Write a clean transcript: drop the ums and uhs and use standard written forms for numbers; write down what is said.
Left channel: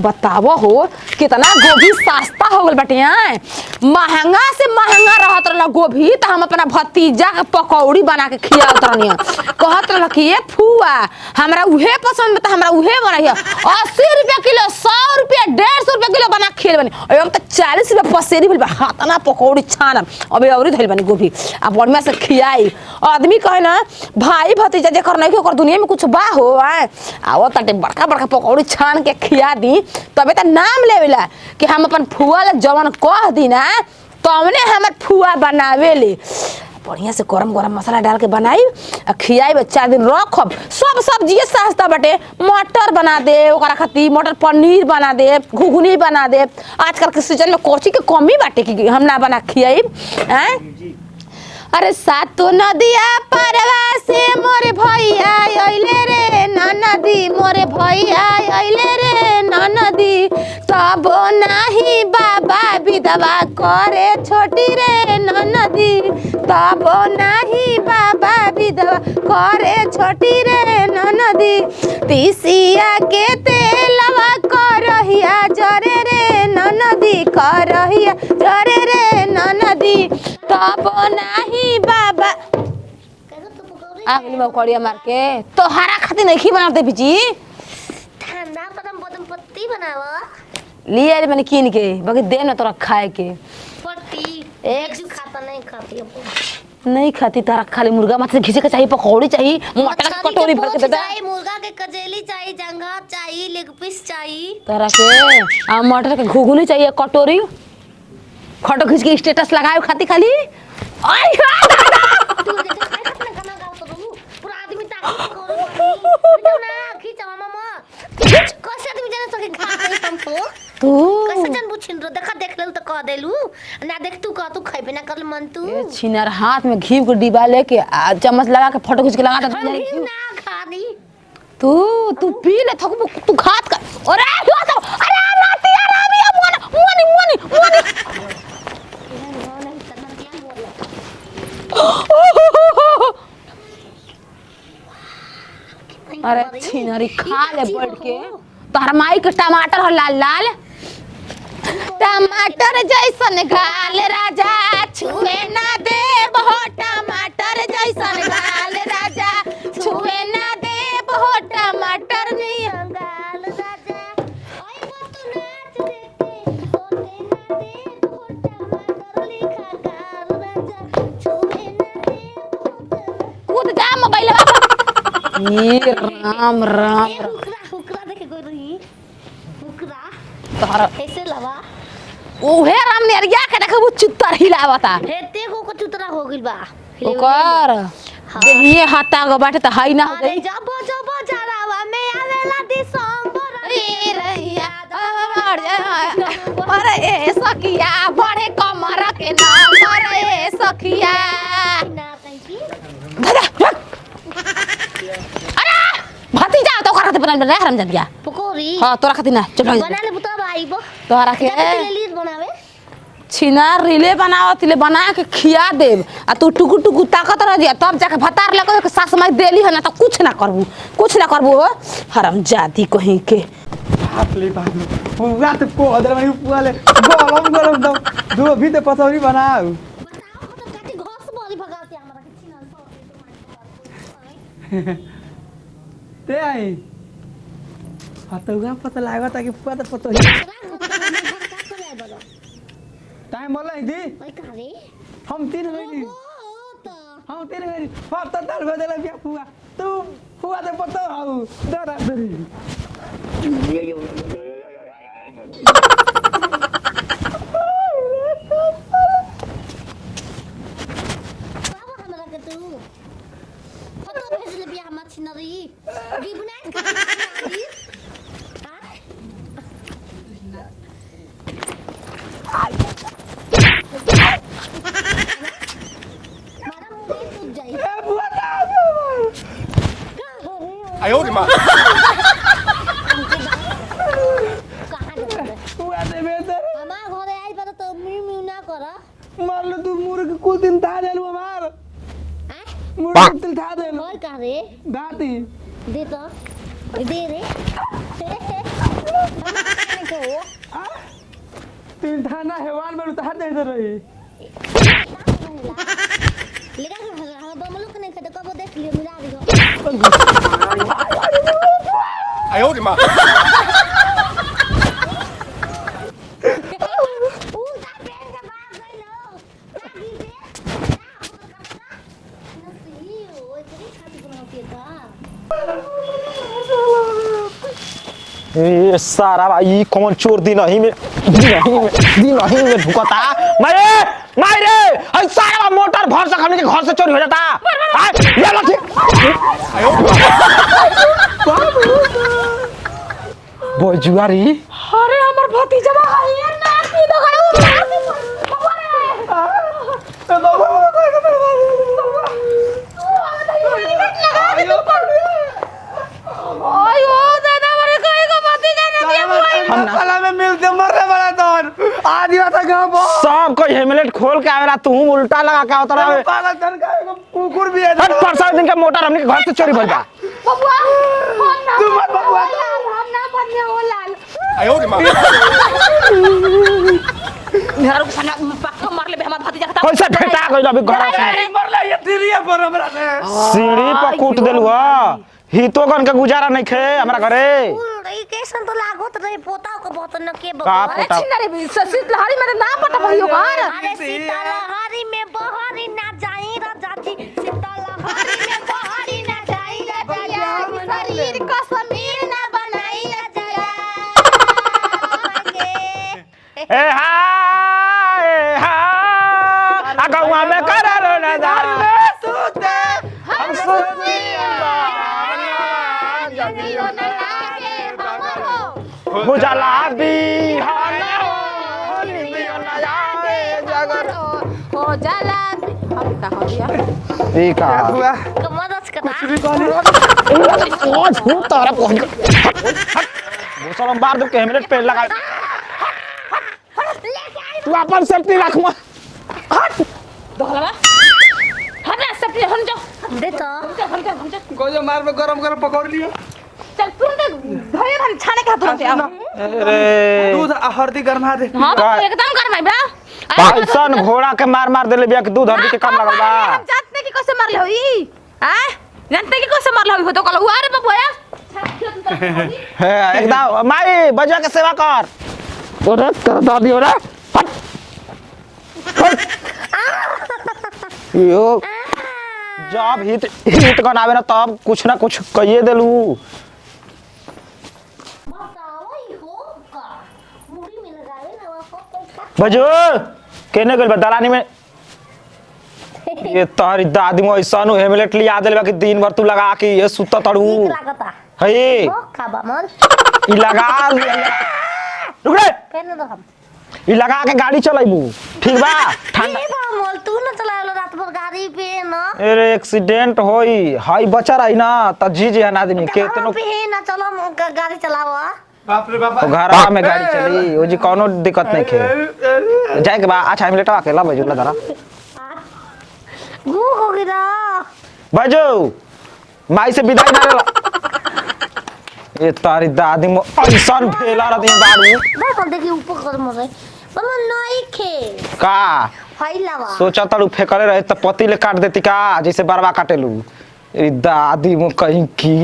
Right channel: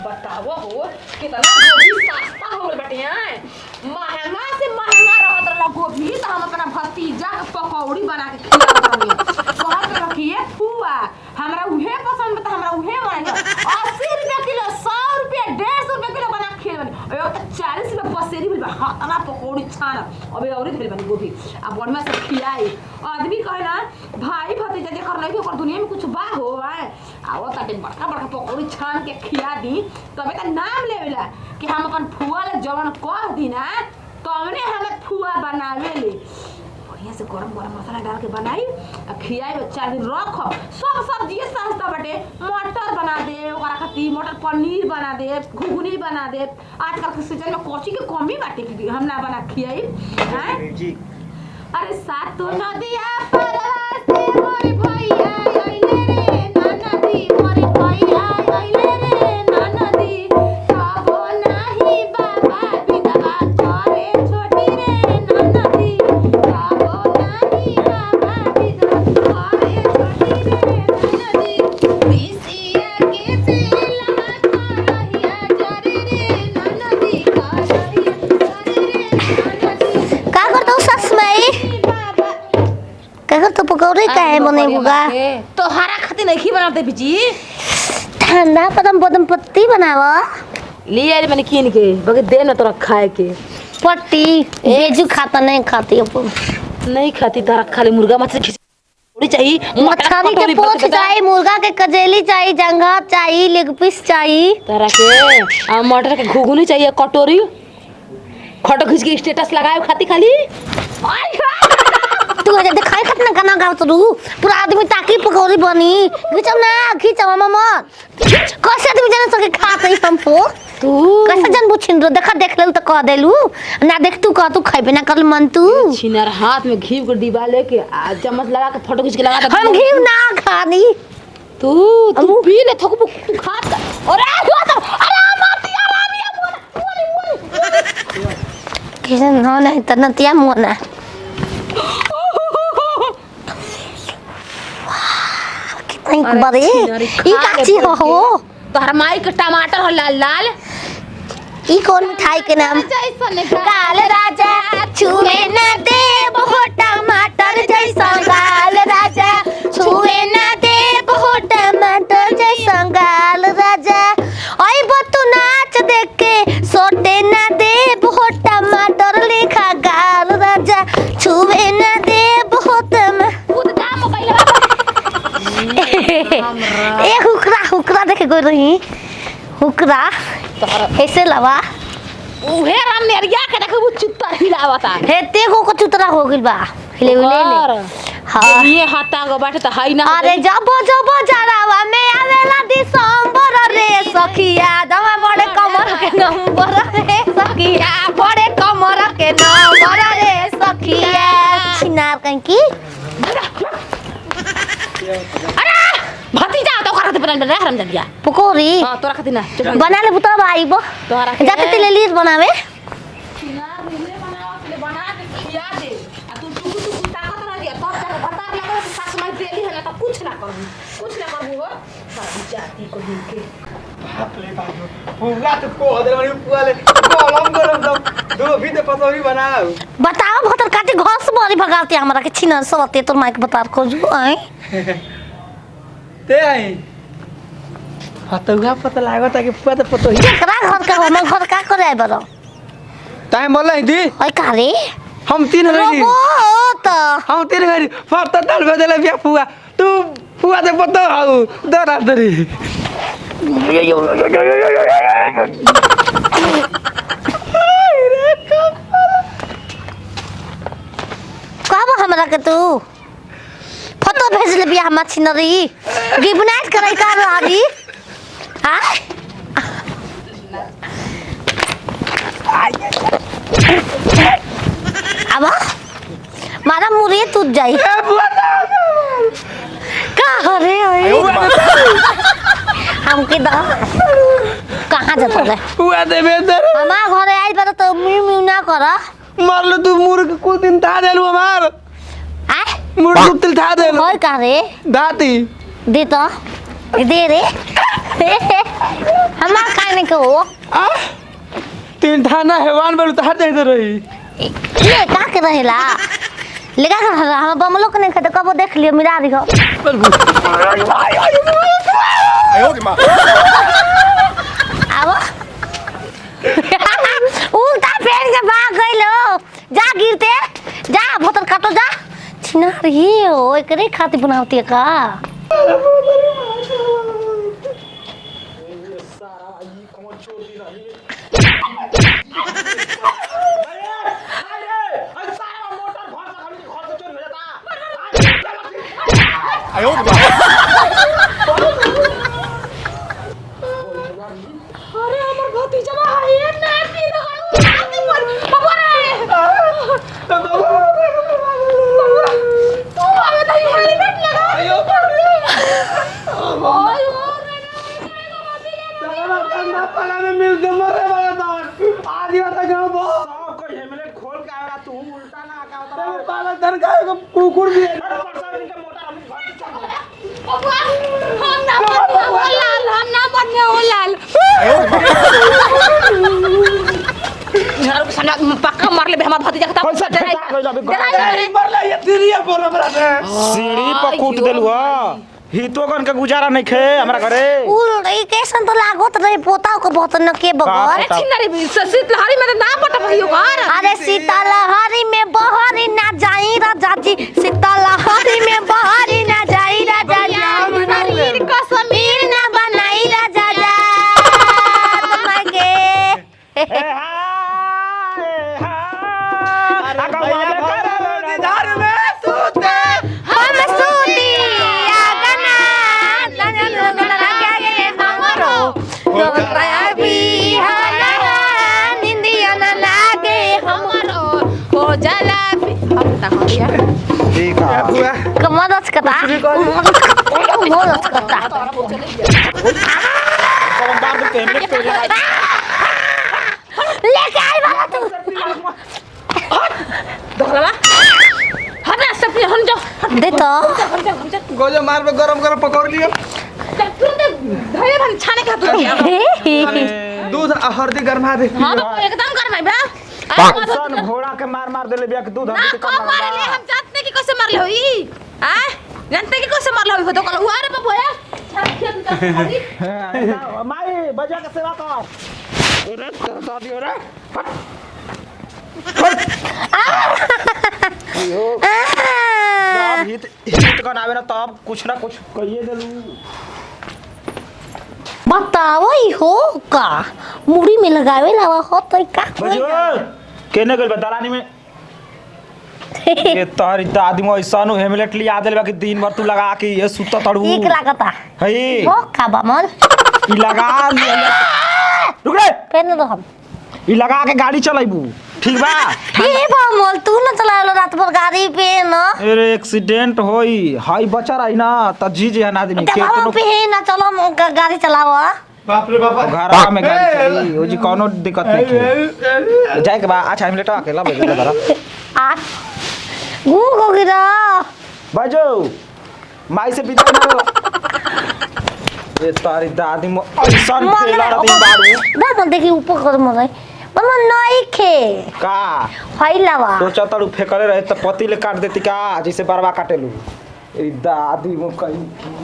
बतावो हो कितना गोभी सस्ता हो गल बाटे हैं। महंगा से महंगा रहत रहल गोभी तो हम अपना भतीजा के पकौड़ी बना के खियावत रहनी कहत रहल कि ये फुआ हमरा उहे पसंद बता हमरा उहे बनाइए 80 रुपया किलो 100 रुपया 150 रुपया किलो बना के खिल बनी अब तो 40 रुपया पसेरी भइल बा हाथना पकौड़ी छानम अबे औरी धइल बनी गोभी अब बढ़िया से खियाई आदमी कहे ना भाई भतीजा जे कर नहीं ओकर दुनिया में कुछ बा हो आओ ताटे बड़का बड़का पकौड़ी छान के खिया दी तबे त नाम लेवेला कि हम अपन फुआ ले जवन कह दी ना तवने हमर फुआ बनावेले बढ़िया से गरम गरम मसाला डाल के बनाई आ खियाई 4 दिन रखब सब सब्जी सस्ता बाटे मटर बना दे ओकरा खातिर मटर पनीर बना दे घुघनी बना दे आजकल के सीजन में कोची के कमी बाटे कि हम ना बना खियाई हैं। अरे सातो नदिया परवा से मोरे भैया आइले रे ननदी मोरे भैया आइले रे ननदी तब नाही बाबा विधवा करे छोटी रे ननदी तब नाही बाबा विधवा करे छोटी रे ननदी पिसिया के तेलवा करहिया जरे रे ननदी करहिया जरे रे ननदी का करू सस में बाबा कहर तो पकौड़े काहे बनेबुगा तो हरा खातिर नहीं बनाते पिची ठंडा पदम बदम पत्ती बनावा लिए मैंने कीन के बाकी दे ना तोरा खाए के पट्टी बेजू खाता नहीं खाती अपन नहीं खाती तारा खाली मुर्गा मछली खींचे के चाहिए पकौड़ी चाहिए मछली के पोंछ चाहिए मुर्गा के कजेली चाहिए जंघा चाहिए लेग पीस चाहिए तारा के आ मटर के घुघनी चाहिए कटोरी फोटो खींच के स्टेटस लगाए खाती खाली आई तू अजे देखाई कितना गाना गावत रू पूरा आदमी ताकी पकौड़ी बनी खींचो मामा कैसे आदमी जाने सके खा के हमको तू कैसे जन बुछिन रो देखा देख लेलू त कह देलू ना देख तू कह तू खइबे ना कर मन तू छिनार हाथ में घी के डिब्बा लेके आ चम्मच लगा के फोटो खींच के लगा दे हम घी ना खानी तू पी ले थकू तू खात कर अरे नातिया रामिया मोनी के ना नहीं त नतिया मोना कितना बड़े ई काची हो तोहर माई के टमाटर हो लाल लाल ई कौन मिठाई के नाम जैसन लाल राजा छुए न दे बहुत टमाटर जैसन गाल राजा छुए ना दे बहुत टमाटर जैसा गाल राजा ओए बतू नाच देख के सोटे ना दे बहुत टमाटर लिखा गाल राजा छुए ना दे बहुत खुद का मोबाइल ए हुकरा देखे गई रही हुकरा ऐसे लवा ओहे राम नेरिया के देखबू चुत्तर हिलावता हे तेगो को चुतरा हो गइल बा हिले हां ये हटा गो बाटे त हाई ना अरे जब जरावा में आवेला दिसंबर रे सखिया दवा बड़े कमर के नंबर रे सखिया बड़े कमर के नंबर रे सखिया छिनार कहीं की अरे भतीजा तो खरा ते बना रे हराम जादिया पकोड़ी हां तोरा खातिर ना चलो बना ले पुतरा भाई बो तोरा के जाते तेले लीज बनावे छिनार रिले बनावत ले बना के खिया देब आ तू टुकु टुकु ताकत रह जा तब जाके भतार लगो के सास माई देली है ना तो कुछ ना करबू हराम जादी कहीं के हाथ ले भागो पूरा तो पोदर में पूरा ले गरम दो भी तो पसौरी बनाओ बताओ भतर काटे घास मारी भगाते हमरा के छिनार सवते तोर माई के बतार को जो आई ते आई हतुआ पता लागत है कि पूरा तो पतो ही एकरा घर का हमर घर का करे बरो टाइम बोल रही थी ओए कारे हम 3 घड़ी रोबो त हम 3 घड़ी फट तल बदले बिया फुआ तू फुआ दे पतो आउ दरा दरी कब हमरा के तू फोटो भेज ले बिया मछनरी गिबनाइट करे का रही हां अब मारा मुरे टूट जाई का हरे आयो मां हम के दा कहां जाता है फुआ दे बेदर हमार घरे आई पर तो म्यू म्यू ना कर मार लो तू मुर्ग कुछ दिन था देलू हमार आ मुर्ग तिल था देलू होय का रे दाती दे तो दे रे हमार खाने को आ तीन ठाना हैवान बोलू तो हट जाते रही ये का के रहेला लेगा हम बमलो के नहीं खाते कबो देख लियो मिला दियो आओ उल्टा पेड़ के भाग गइलो जा गिरते जा बोतल काटो जा छिना रही हो एकरे खाती बनावती है का ये सारा भाई कौन चोर दिन ही में भुकता मारे मारे हई सारा मोटर भर से हमने के घर से चोरी हो जाता ये लखी आयो बोल जुआरी अरे हमर भतीजा है ये ना की तो करे तू आवे तो हेलमेट लगा ओए ओ दादा मेरे कोई को भतीजा ना दिया हम पला में मिलते मरे वाला दौर आज ही बता गांव सब कोई हेलमेट खोल के आवेला तू उल्टा लगा के आवत रहे पागल धन का कुकुर भी है हट परसा दिन के मोटर हमने के घर से चोरी भइल बा बबुआ हम ना बनने ओ लाल हम ना बनने ओ लाल यार साला पक्का मार ले बे हमार भतीजा का पैसा फेटा गइल अभी घर से मरला ये तिरिया बरोबर है सीढ़ी पर कूट देलु ह हितो कन का गुजारा नहीं खे हमरा घरे उल ई कैसन तो लागत रहे पोताओ को बहुत न के बगर अरे छिनारी ससित लहरी में तो ना पटा भइयो घर अरे सीतालहरी में बहरी ना जाई राजा जी सीतालहरी में बहरी ना जाई राजा जी शरीर का समीर ना बनाई राजा जा मगे ए हा अगवा में करे रो नजर में सूते हम सूती आगना हमरो गुजारा भी हमारा निंदिया न लागे हमरो हो जाला हम ता हो दिया ठीक है कमदस कता तोरा पहुंच हम बाबू के हेलमेट पहन लगा लेके आई अपन सेल्फी रख मत दहला हटा सब हम जा दे तो गोजा मार पे गरम गरम पकौड़ लियो तुरंत धैर्य भर छाने का तो दूध हल्दी गरमा दे हां एकदम कर भाई बा सन घोड़ा के मार मार देले बिया के दूध हल्दी के काम लगल बा हम जानते कि कैसे मारले होई आ जानते कि कैसे मारले होई तो कहलो अरे बबुआ हे एकदम माई बजा के सेवा कर ओरे कर दादी ओरे यो जब हिट कन आवे ना तब कुछ ना कुछ कहिए देलू बताओ ही हो का मुड़ी में लगावे लावा हो तो का बजो केने गल दलानी में ये तारी दादी मो ऐसानो हेलमेट लिया देले बा कि दिन भर तू लगा के ये सुता तड़ू ठीक लागता हई हो का बामन ई लगा रुक रे पहन दो हम ई लगा के गाड़ी चलाइबू ठीक बा ये बामल तू न चलावलो रात भर गाड़ी पे न अरे एक्सीडेंट होई हाई बचा रही ना त जी जी हना देनी के चलाओ पे ना चलो गाड़ी चलाओ बाप रे बाप घर में गाड़ी चली ओ जी कोनो दिक्कत नहीं के जाए के बा अच्छा हम लेटवा के ला बजो जरा आ गु हो गिरा बजो माई से विदाई ना ए तारी दादी मो ऐसन फेला रही दादी बामल देखी ऊपर कर मरे मम्मा नहीं खे का फैलावा सोचा तड़ू फेकले रहे त पति ले काट देती का जैसे बरवा काटेलू ए दादी मो कहीं की